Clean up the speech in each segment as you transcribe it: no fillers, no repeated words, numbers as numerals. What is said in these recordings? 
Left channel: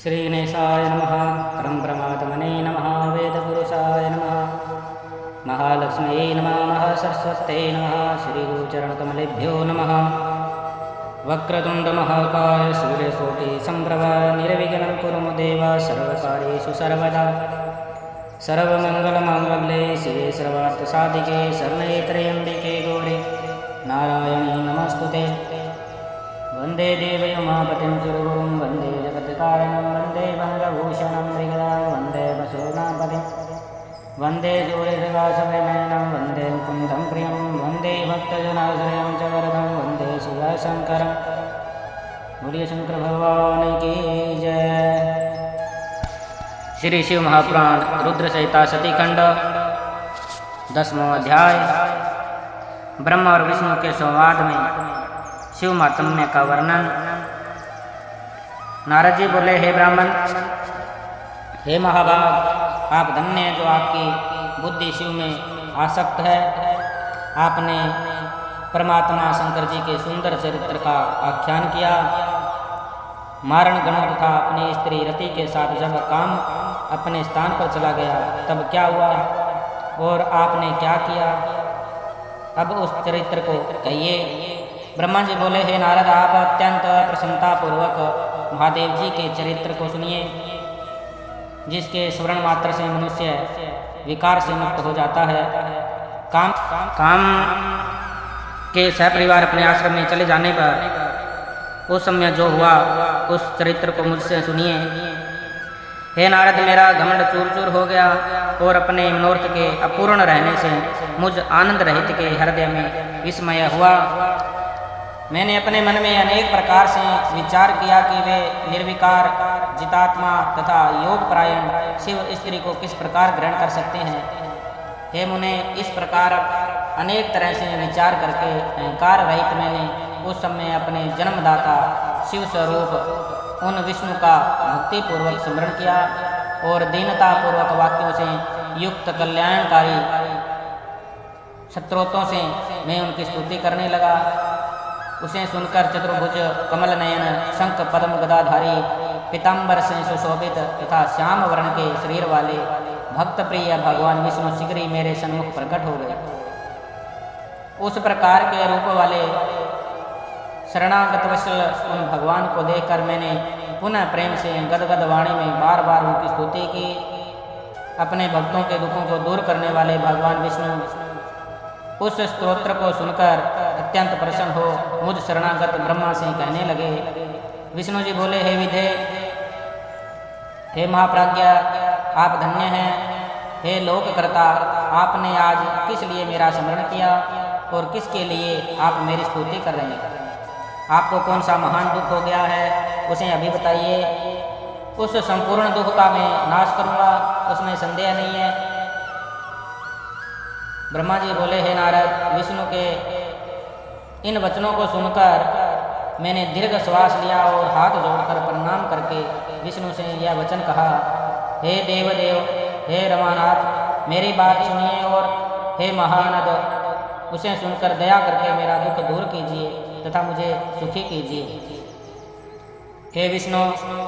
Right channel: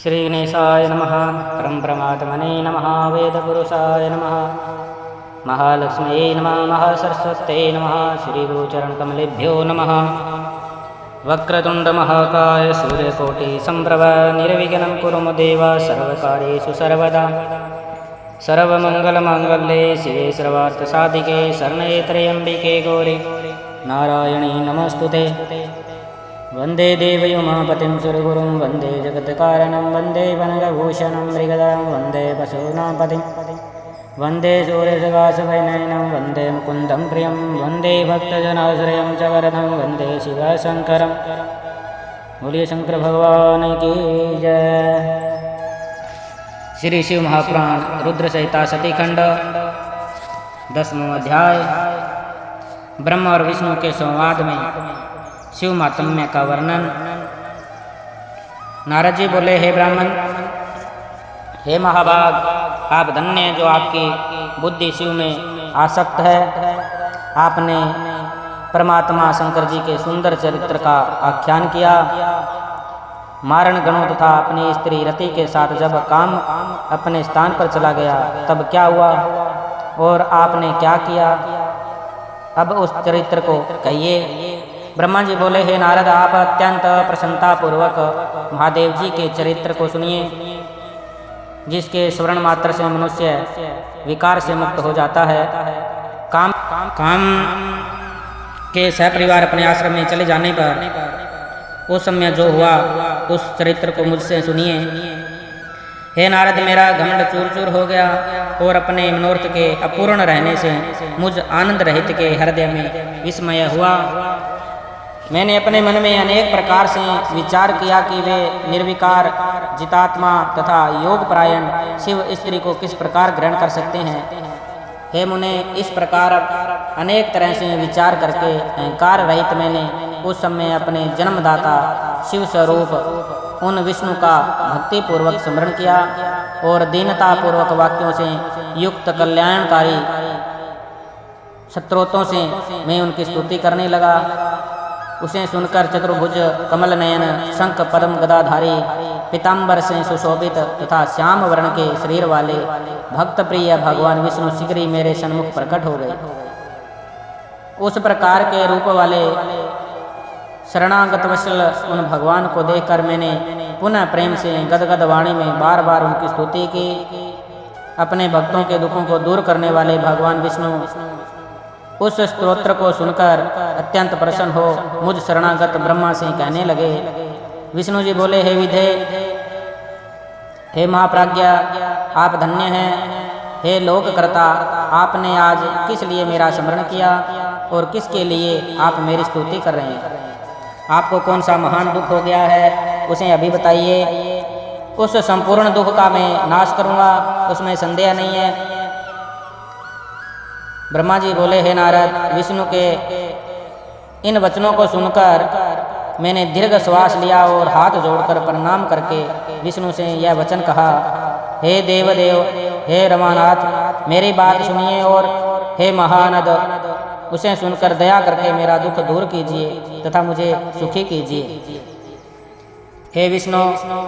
श्रीगणेशाय नमः। परमब्रह्मात्मने नमः। वेदपुरुषाय नमः। महालक्ष्म्यै नमः। महासरस्वत्यै नमः। श्रीगुरुचरणकमलेभ्यो नमः। वक्रतुण्डमहाकाय सूर्यकोटिसम्प्रभ निर्विघ्नं कुरु मम देव सर्वकार्येषु सर्वदा। सर्वमङ्गलमाङ्गल्ये शिवे सर्वार्थसाधिके शरण्ये त्र्यम्बिके गौरी नारायणी नमस्तुते। वन्दे देवयुमापतिं सुरगुरुं वन्दे जगत्कारणं वन्दे वनगभूषणं मृगदां वन्दे वसूनापतिं वन्दे सूर्यप्रकाशवैनयनं वन्दे मुकुन्दं प्रियं वन्दे भक्तजनाश्रयं च वरदं वन्दे शिवशङ्करं। बोलिए शंकर भगवान की जय। श्री शिव महापुराण रुद्र संहिता सतीखंड 10वां अध्याय। ब्रह्मा और विष्णु के संवाद में शिव महात्म्य का वर्णन। नारद जी बोले, हे ब्राह्मण, हे महाभाग, आप धन्य जो आपकी बुद्धि शिव में आसक्त है। आपने परमात्मा शंकर जी के सुंदर चरित्र का आख्यान किया। मारण गणों तथा अपनी स्त्री रति के साथ जब काम अपने स्थान पर चला गया तब क्या हुआ और आपने क्या किया, अब उस चरित्र को कहिए। ब्रह्मा जी बोले, हे नारद, आप अत्यंत प्रसन्नतापूर्वक महादेव जी के चरित्र को सुनिए, जिसके स्मरण मात्र से मनुष्य विकार से मुक्त हो जाता है। काम के सपरिवार अपने आश्रम में चले जाने पर उस समय जो हुआ उस चरित्र को मुझसे सुनिए। हे नारद, मेरा घमंड चूर चूर हो गया और अपने मनोरथ के अपूर्ण रहने से मुझ आनंद रहित के हृदय में विस्मय हुआ। मैंने अपने मन में अनेक प्रकार से विचार किया कि वे निर्विकार जितात्मा तथा योग परायण शिव स्त्री को किस प्रकार ग्रहण कर सकते हैं। हे मुने, इस प्रकार अनेक तरह से विचार करके अहंकार रहित मैंने उस समय अपने जन्मदाता शिव स्वरूप उन विष्णु का भक्ति पूर्वक स्मरण किया और दीनता पूर्वक वाक्यों से युक्त कल्याणकारी स्तोत्रों से मैं उनकी स्तुति करने लगा। उसे सुनकर चतुर्भुज कमल नयन शंख पद्म गदाधारी पीताम्बर से सुशोभित तथा श्याम वर्ण के शरीर वाले भक्त प्रिय भगवान विष्णु शीघ्र ही मेरे सन्मुख प्रकट हो गए। उस प्रकार के रूप वाले शरणागत वत्सल उन भगवान को देखकर मैंने पुनः प्रेम से गदगद वाणी में बार बार उनकी स्तुति की। अपने भक्तों के दुखों को दूर करने वाले भगवान विष्णु उस स्तोत्र को सुनकर अत्यंत प्रसन्न हो मुझ शरणागत ब्रह्मा से कहने लगे। विष्णु जी बोले, हे विधे, हे महाप्राज्ञा, आप धन्य हैं। हे लोककर्ता, आपने आज किस लिए मेरा स्मरण किया और किसके लिए आप मेरी स्तुति कर रहे हैं। आपको कौन सा महान दुख हो गया है, उसे अभी बताइए। उस संपूर्ण दुख का मैं नाश करूँगा, उसमें संदेह नहीं है। ब्रह्मा जी बोले, हे नारद, विष्णु के इन वचनों को सुनकर मैंने दीर्घ श्वास लिया और हाथ जोड़कर प्रणाम करके विष्णु से यह वचन कहा। हे देवदेव, हे रमानाथ, मेरी बात सुनिए और हे महानद, उसे सुनकर दया करके मेरा दुख दूर कीजिए तथा मुझे सुखी कीजिए। हे विष्णु,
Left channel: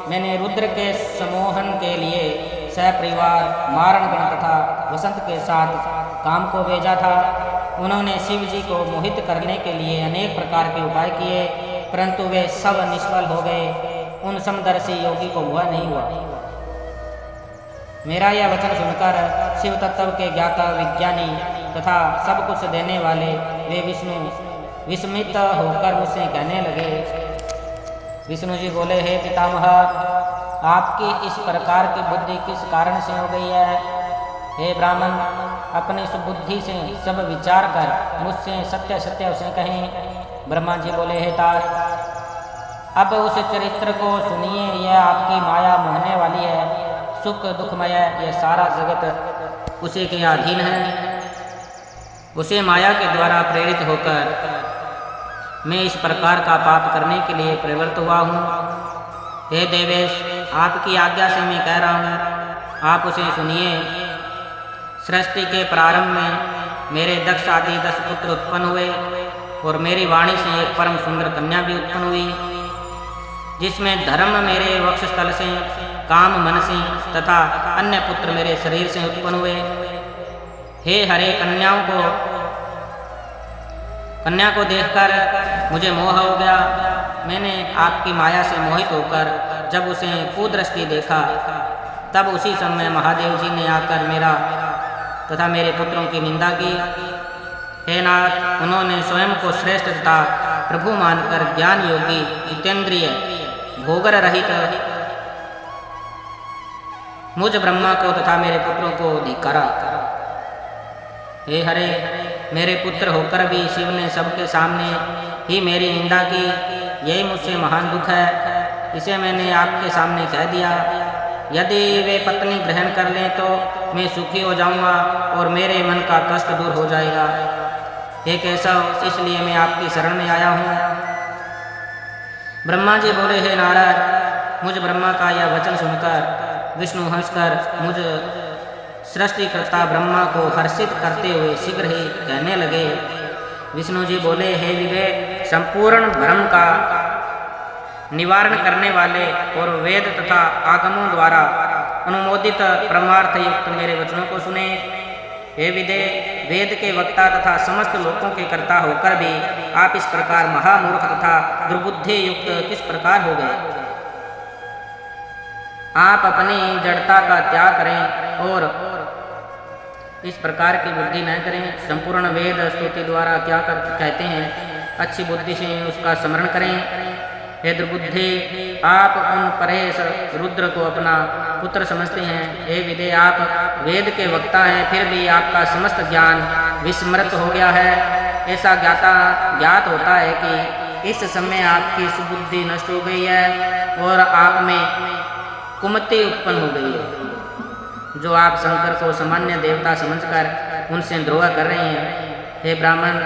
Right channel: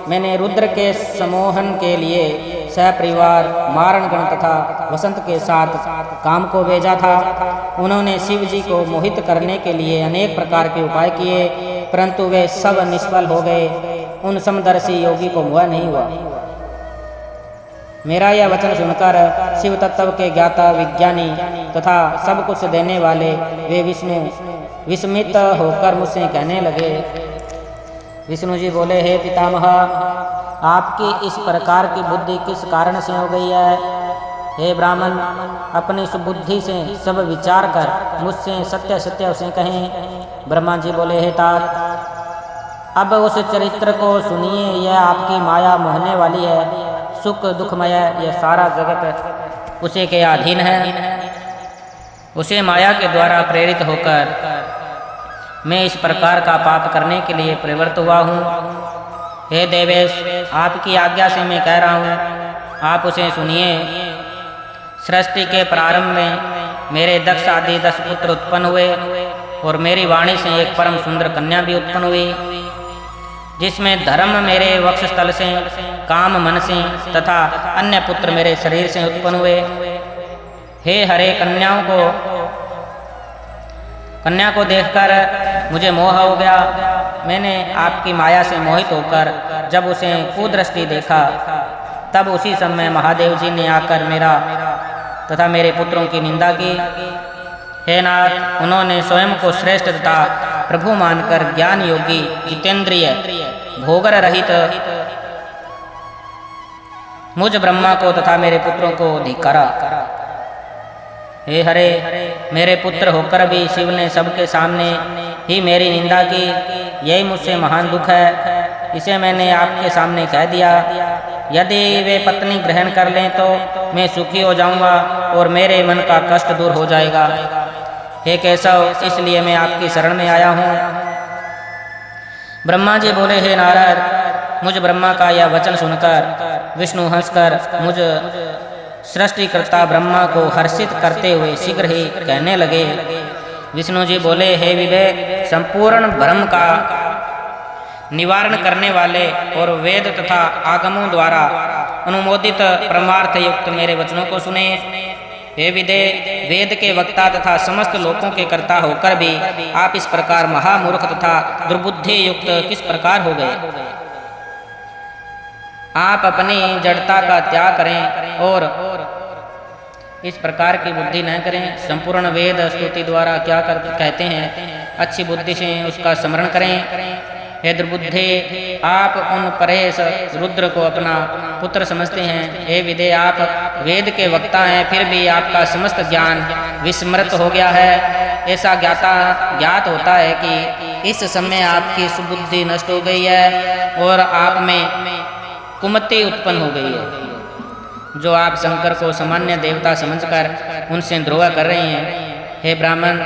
मैंने रुद्र के सम्मोहन के लिए सपरिवार मारणगण तथा वसंत के साथ काम को भेजा था। उन्होंने शिव जी को मोहित करने के लिए अनेक प्रकार के उपाय किए, परंतु वे सब निष्फल हो गए। उन समदर्शी योगी को मोह नहीं हुआ। मेरा यह वचन सुनकर शिव तत्व के ज्ञाता विज्ञानी तथा सब कुछ देने वाले वे विष्णु विस्मित होकर मुझसे कहने लगे। विष्णु जी बोले, हे पितामह, आपकी इस प्रकार की बुद्धि किस कारण से हो गई है। हे ब्राह्मण, अपनी सुबुद्धि से सब विचार कर मुझसे सत्य सत्य उसे कहें। ब्रह्मा जी बोले, हे तात, अब उस चरित्र को सुनिए। यह आपकी माया मोहने वाली है। सुख दुखमय यह सारा जगत उसी के अधीन है। उसे माया के द्वारा प्रेरित होकर मैं इस प्रकार का पाप करने के लिए प्रवृत्त हुआ हूँ। हे देवेश, आपकी आज्ञा से मैं कह रहा हूँ, आप उसे सुनिए। सृष्टि के प्रारंभ में मेरे दक्ष आदि 10 पुत्र उत्पन्न हुए और मेरी वाणी से एक परम सुंदर कन्या भी उत्पन्न हुई। जिसमें धर्म मेरे वक्षस्थल से, काम मन से तथा अन्य पुत्र मेरे शरीर से उत्पन्न हुए। हे हरे, कन्या को देखकर मुझे मोह हो गया। मैंने आपकी माया से मोहित होकर जब उसे कुदृष्टि देखा, तब उसी समय महादेव जी ने आकर मेरा तथा मेरे पुत्रों की निंदा की। हे नाथ, उन्होंने स्वयं को श्रेष्ठ तथा प्रभु मानकर ज्ञान योगी, जितेंद्रिय, भोगर रहित मुझ ब्रह्मा को तथा मेरे पुत्रों को धिक्कारा। हे हरे, मेरे पुत्र होकर भी शिव ने सबके सामने ही मेरी निंदा की। यही मुझसे महान दुख है, इसे मैंने आपके सामने कह दिया। यदि वे पत्नी ग्रहण कर लें तो मैं सुखी हो जाऊंगा और मेरे मन का कष्ट दूर हो जाएगा। हे केशव, इसलिए मैं आपकी शरण में आया हूँ। ब्रह्मा जी बोले, हे नारद, मुझ ब्रह्मा का यह वचन सुनकर विष्णु हंसकर मुझ सृष्टिकर्ता ब्रह्मा को हर्षित करते हुए शीघ्र ही कहने लगे। विष्णु जी बोले, हे विवेक, संपूर्ण भ्रम का निवारण करने वाले और वेद तथा आगमों द्वारा अनुमोदित परमार्थ युक्त मेरे वचनों को सुने। हे विदे, वेद के वक्ता तथा समस्त लोकों के कर्ता होकर भी आप इस प्रकार महामूर्ख तथा दुर्बुद्धि युक्त किस प्रकार हो गए? आप अपनी जड़ता का त्याग करें और इस प्रकार की बुद्धि न करें। संपूर्ण वेद स्तुति द्वारा क्या कहते हैं, अच्छी बुद्धि से उसका स्मरण करें। हे दुर्बुद्धे, आप उन परेश रुद्र को अपना पुत्र समझते हैं। हे विदे, आप वेद के वक्ता हैं, फिर भी आपका समस्त ज्ञान विस्मृत हो गया है। ऐसा ज्ञात होता है कि इस समय आपकी सुबुद्धि नष्ट हो गई है और आप में कुमति उत्पन्न हो गई है, जो आप शंकर को सामान्य देवता समझकर उनसे द्रोह कर रहे हैं। हे ब्राह्मण,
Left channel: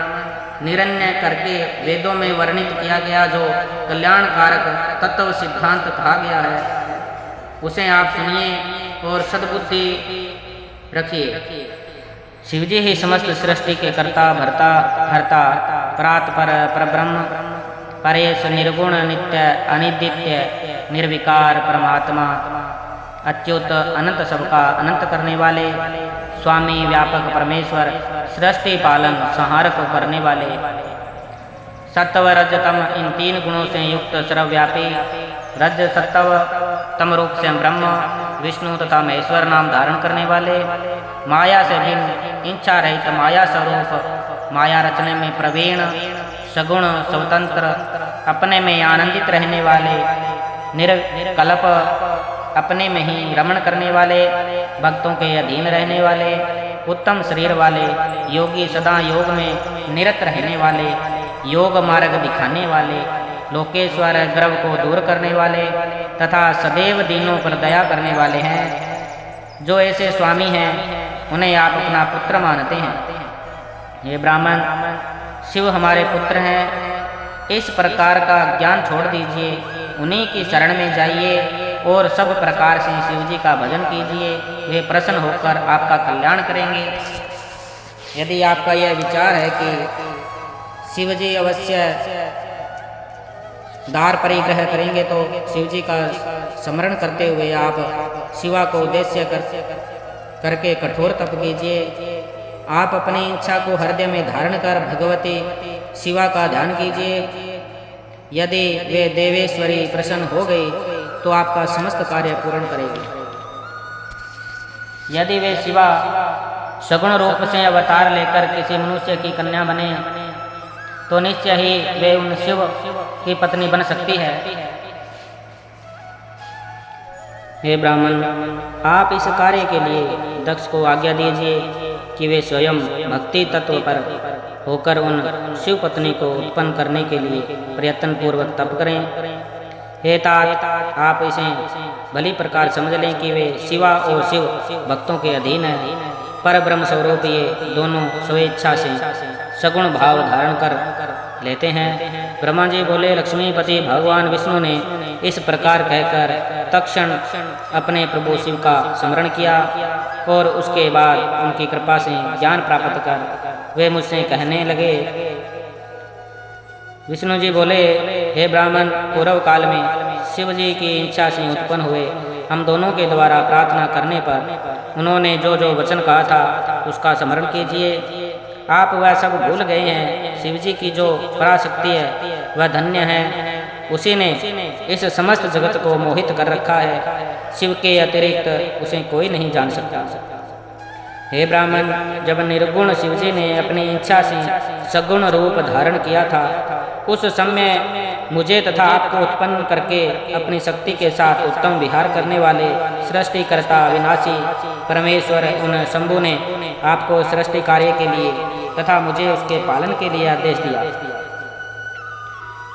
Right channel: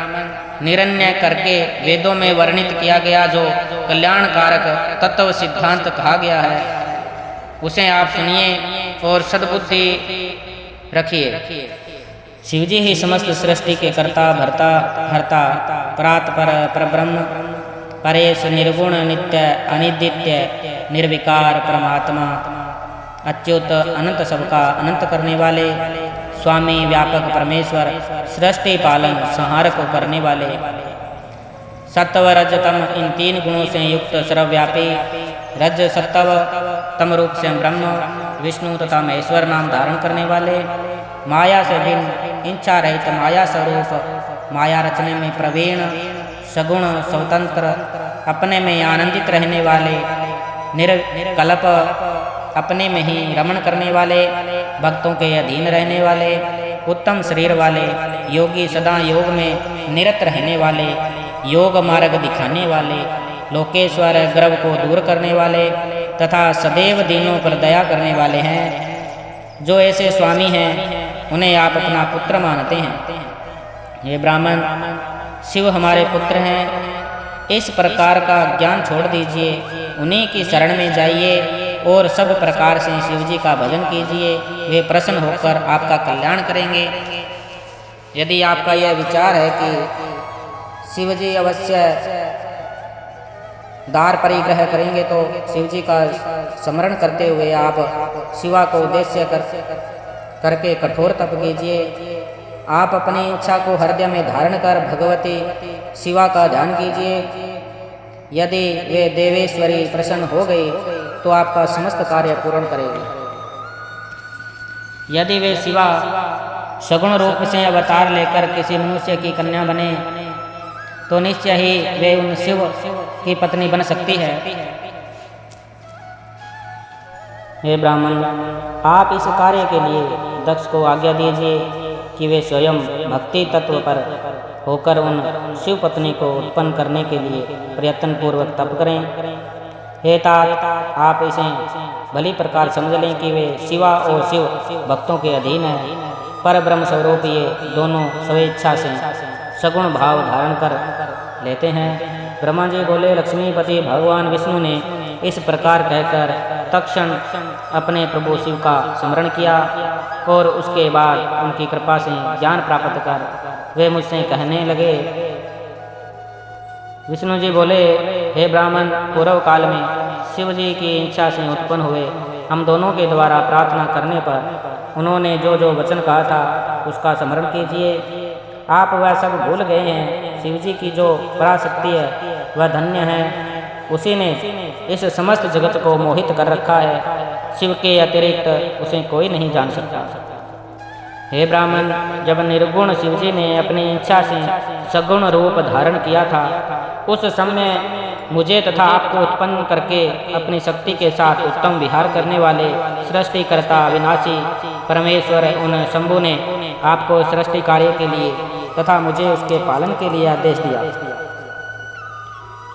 निरन्य करके वेदों में वर्णित किया गया जो कल्याणकारक तत्व सिद्धांत कहा गया है, उसे आप सुनिए और सद्बुद्धि रखिए। शिवजी ही समस्त सृष्टि के कर्ता, भर्ता, हर्ता, परात्पर, परब्रह्म, परेश, निर्गुण, नित्य, अनिद्य, निर्विकार परमात्मा, अच्युत, अनंत, सबका अनंत करने वाले, स्वामी, व्यापक परमेश्वर, सृष्टि पालन संहार को करने वाले, सत्व रज तम इन तीन गुणों से युक्त सर्वव्यापी, रज सत्व तम रूप से ब्रह्म, विष्णु तथा महेश्वर नाम धारण करने वाले, माया से भिन्न, इच्छा रहित माया स्वरूप, माया रचने में प्रवीण, सगुण, स्वतंत्र, अपने में आनंदित रहने वाले, निर्कल्प, अपने में ही रमण करने वाले, भक्तों के अधीन रहने वाले, उत्तम शरीर वाले, योगी, सदा योग में निरत रहने वाले, योग मार्ग दिखाने वाले, लोकेश्वर, गर्व को दूर करने वाले तथा सदैव दीनों पर दया करने वाले हैं। जो ऐसे स्वामी हैं, उन्हें आप अपना पुत्र मानते हैं। ये ब्राह्मण, शिव हमारे पुत्र हैं, इस प्रकार का ज्ञान छोड़ दीजिए, उन्हीं की शरण में जाइए और सब प्रकार से शिव जी का भजन कीजिए। वे प्रसन्न होकर आपका कल्याण करेंगे। यदि आपका यह विचार है कि शिव जी अवश्य दार परिग्रह करेंगे, तो शिव जी का स्मरण करते हुए आप शिवा को उद्देश्य करके कठोर तप कीजिए। आप अपनी इच्छा को हृदय में धारण कर भगवती शिवा का ध्यान कीजिए। यदि वे देवेश्वरी प्रसन्न हो गई तो आपका समस्त कार्य पूर्ण करेगी। यदि वे शिवा सगुण रूप से अवतार लेकर किसी मनुष्य की कन्या बने तो निश्चय ही वे उन शिव की पत्नी बन सकती है। हे ब्राह्मण, आप इस कार्य के लिए दक्ष को आज्ञा दीजिए कि वे स्वयं भक्ति तत्व पर होकर उन शिव पत्नी को उत्पन्न करने के लिए प्रयत्न पूर्वक तप करें। हे तात, आप इसे भली प्रकार समझ लें कि वे शिवा और शिव भक्तों के अधीन है। पर ब्रह्म स्वरूप ये दोनों स्वेच्छा से सगुण भाव धारण कर लेते हैं। ब्रह्मा जी बोले, लक्ष्मीपति भगवान विष्णु ने इस प्रकार कहकर तत्क्षण अपने प्रभु शिव का स्मरण किया और उसके बाद उनकी कृपा से ज्ञान प्राप्त कर वे मुझसे कहने लगे, विष्णु जी बोले, हे ब्राह्मण, पूर्व काल में शिव जी की इच्छा से उत्पन्न हुए। हम दोनों के द्वारा प्रार्थना करने पर उन्होंने जो जो वचन कहा था उसका स्मरण कीजिए। आप वह सब भूल गए हैं। शिव जी की जो पराशक्ति है वह धन्य है। उसी ने इस समस्त जगत को मोहित कर रखा है। शिव के अतिरिक्त उसे कोई नहीं जान सकता। हे ब्राह्मण, जब निर्गुण शिवजी ने अपनी इच्छा से सगुण रूप धारण किया था, उस समय मुझे तथा आपको उत्पन्न करके अपनी शक्ति के साथ उत्तम विहार करने वाले सृष्टिकर्ता विनाशी परमेश्वर उन शंभु ने आपको सृष्टि कार्य के लिए तथा मुझे उसके पालन के लिए आदेश दिया।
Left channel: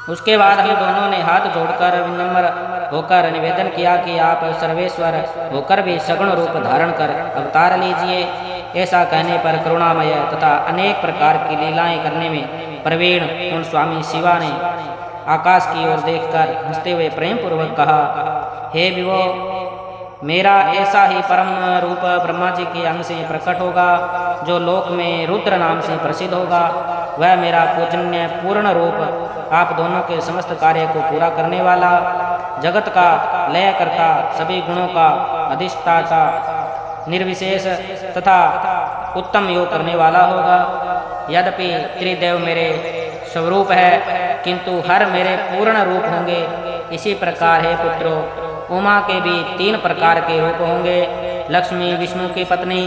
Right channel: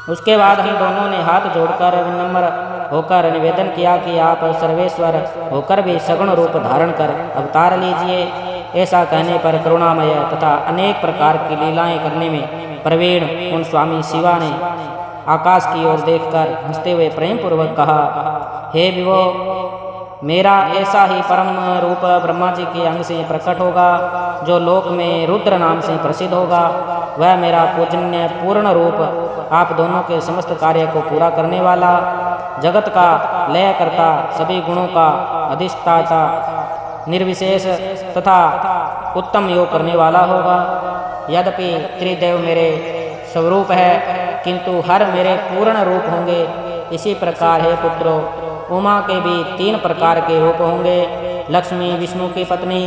उसके बाद हम दोनों ने हाथ जोड़कर विनम्र होकर निवेदन किया कि आप सर्वेश्वर होकर भी सगुण रूप धारण कर अवतार लीजिए। ऐसा कहने पर करुणामय तथा अनेक प्रकार की लीलाएं करने में प्रवीण उन स्वामी शिवा ने आकाश की ओर देखकर हंसते हुए प्रेम पूर्वक कहा, हे विभो, मेरा ऐसा ही परम रूप ब्रह्मा जी के अंग से प्रकट होगा, जो लोक में रुद्र नाम से प्रसिद्ध होगा। वह मेरा पूजन्य पूर्ण रूप आप दोनों के समस्त कार्य को पूरा करने वाला, जगत का लय करता, सभी गुणों का अधिष्ठाता, निर्विशेष तथा उत्तम योग करने वाला होगा। यद्यपि त्रिदेव मेरे स्वरूप है, किंतु हर मेरे पूर्ण रूप होंगे। इसी प्रकार है पुत्रों, उमा के भी 3 प्रकार के रूप होंगे। लक्ष्मी विष्णु की पत्नी,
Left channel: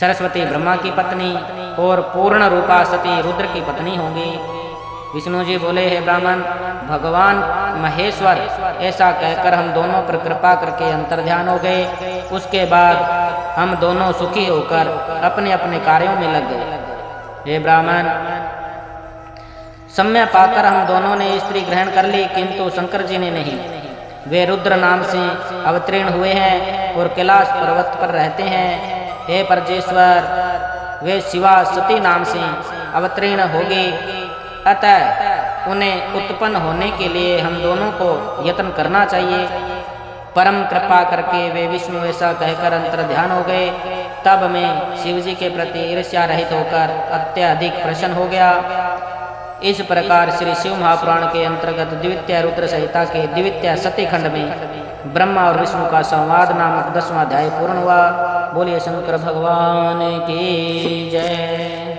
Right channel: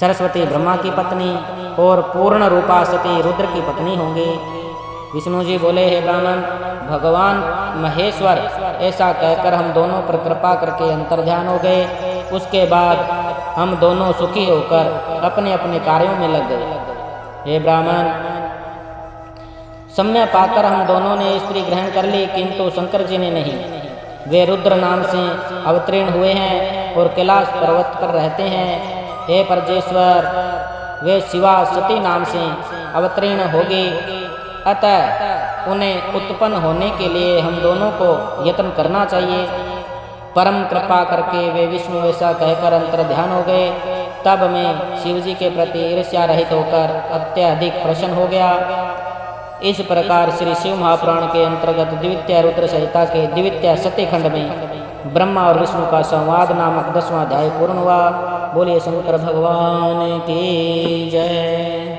सरस्वती ब्रह्मा की पत्नी और पूर्ण रूपा सती रुद्र की पत्नी होंगी। विष्णु जी बोले, हे ब्राह्मण, भगवान महेश्वर ऐसा कहकर हम दोनों पर कृपा करके अंतर्ध्यान हो गए। उसके बाद हम दोनों सुखी होकर अपने अपने कार्यों में लग गए। हे ब्राह्मण, समय पाकर हम दोनों ने स्त्री ग्रहण कर ली, किंतु शंकर जी ने नहीं। वे रुद्र नाम से अवतीर्ण हुए हैं और कैलाश पर्वत पर रहते हैं। हे परजेश्वर, वे शिवा सती नाम से अवतीर्ण होगी, अतः उन्हें उत्पन्न होने के लिए हम दोनों को यत्न करना चाहिए। परम कृपा करके वे विष्णु ऐसा कहकर अंतर्ध्यान हो गए। तब मैं शिव जी के प्रति ईर्ष्या रहित होकर अत्यधिक प्रसन्न हो गया। इस प्रकार श्री शिव महापुराण के अंतर्गत द्वितीय रुद्र संहिता के द्वितीय सती खंड में ब्रह्मा और विष्णु का संवाद नामक 10वां अध्याय पूर्ण हुआ। बोलिए शंकर भगवान की जय।